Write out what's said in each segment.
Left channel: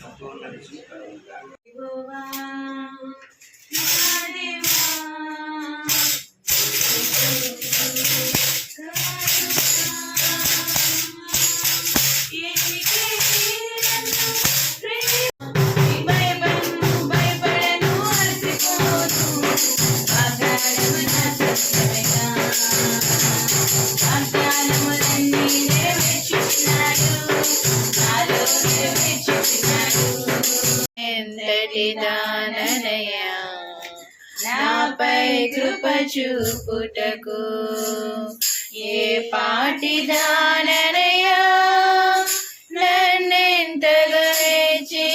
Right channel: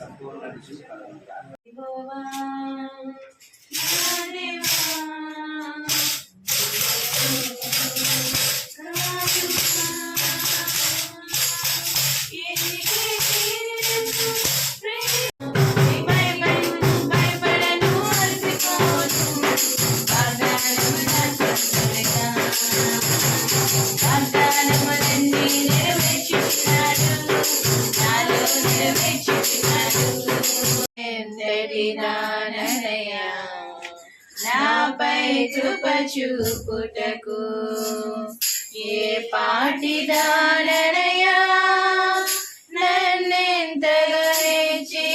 సంపూర్ణ విజయం కలుగుతారు. నాపై కృప చూపుటకు ఏ పాటి దాననయా నన్నెంతగా హెచ్చి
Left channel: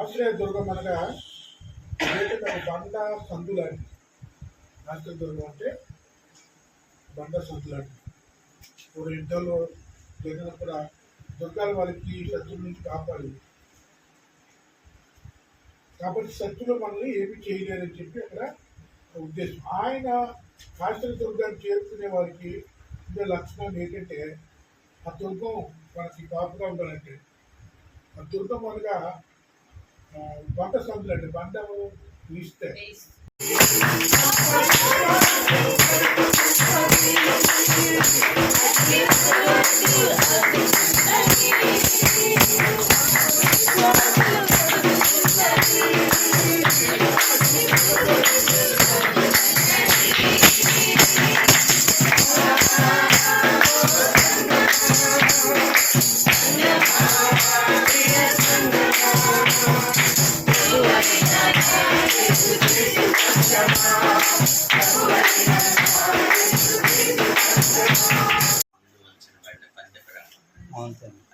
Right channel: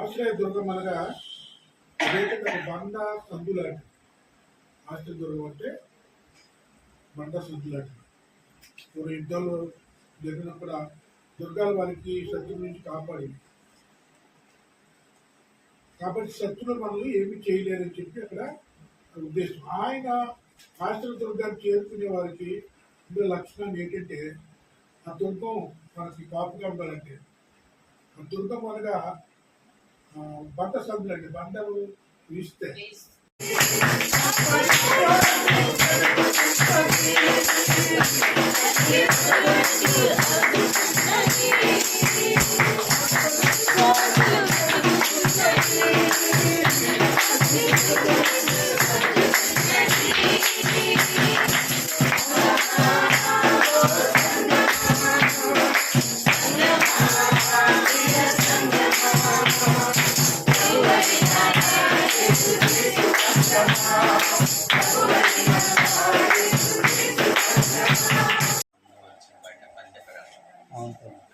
ఆశ్రయదుర్గం అనగా బండ సందులాంటి. ఆశ్రయదుర్గం అంటే బండ సందులాంటి. ఇప్పుడు యుద్ధాలు జరిగినప్పుడు దుర్గాల వారికి శత్రువుల నుంచి కాపాడింది. కాబట్టి శత్రువులు మనల్ని ఏమి చేయలేరని చెప్పి అక్కడ ఉద్దేశం. ఆయన ఆశ్రయదుర్గాన్ని చేరుకునే వారికి ఉండే లక్షణం ఏంటంటే ఆ దుర్గం మనకి కాపుగా ఉండాలంటే ఆ దుర్గం అనగా బండ సందులండి. బండలు వీస్తే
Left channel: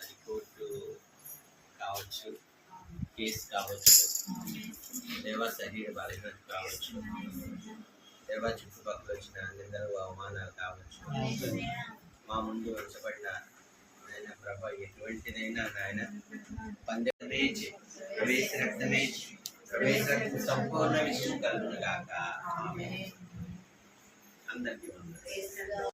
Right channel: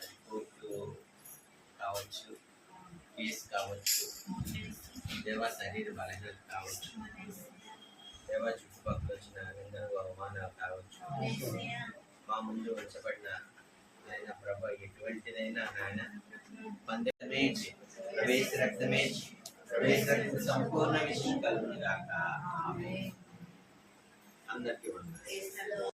అది కోర్టు కావచ్చు, కేసు కావచ్చు, దేవా శరీర బలహీనత కావచ్చు, దేవా చుట్టుపక్కల వచ్చిన నిందలు అవమానాలు కావచ్చు, మా ముందు ఉంచబడిన నాయన ప్రభ ఎటువంటిదైనా నాయన పందెమేజ్ ప్రవేశ రక్తమేజ్ ప్రవేశ రక్త సంపూర్ణ విజయం కలుగును గాక. ఆమేన్. అందరికీ వందనాలు.